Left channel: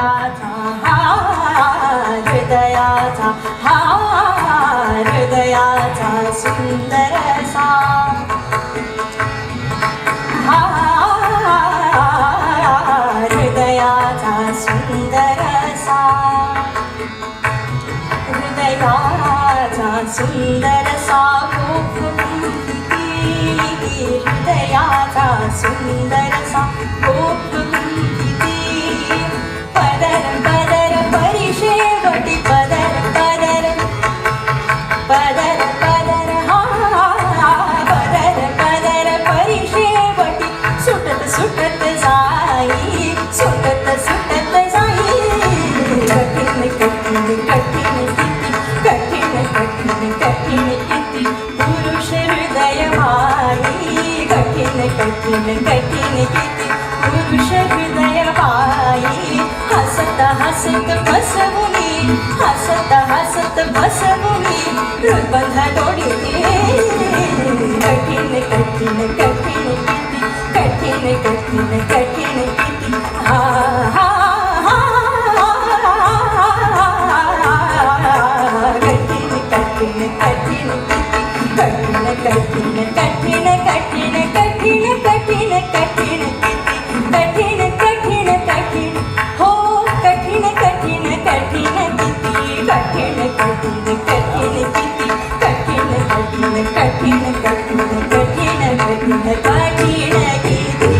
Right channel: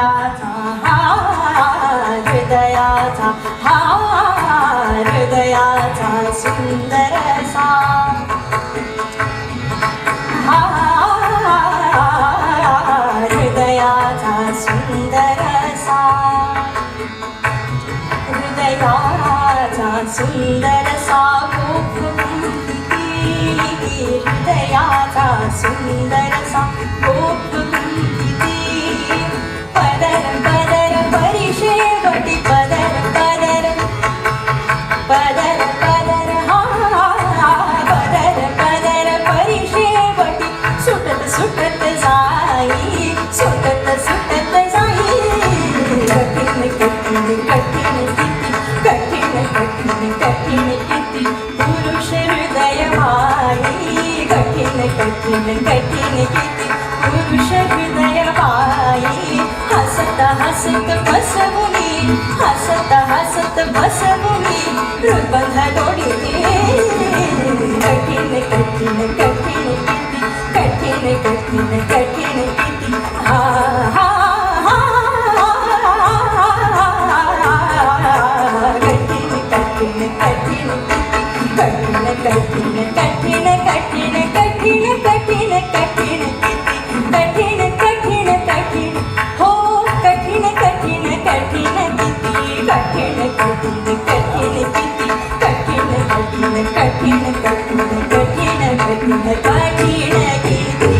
हृदयाचा हार, हृदयाचा हार, हृदयाचा सुंदर असा हार, हृदयाचा सुंदर असा हृदयाचा सुंदर असा हृदयाचा सुंदर असा पदर पदर परिशेवटी पदर पदर पदर पदर पदर पदर परिशेवटी सुटत सुटत जाई सुटत सुटत जाई कठीण कठीण कठीण कठीण कठीण कठीण किती पुरुष हृदय भाई कठीण कठीण कठीण किती पुरुष हृदय भाई हसत हसत बसवुनी हसत हसत बसवुनी हृदय दोडी कठीण कठीण कठीण किती कठीण कठीण कठीण किती कठीण कठीण कठीण कठीण कठीण कठीण कठीण कठीण कठीण कठीण कठीण कठीण हो कठीण कठीण कठीण कठीण कठीण कठीण कठीण कठीण कठीण कठीण कठीण कठीण कठीण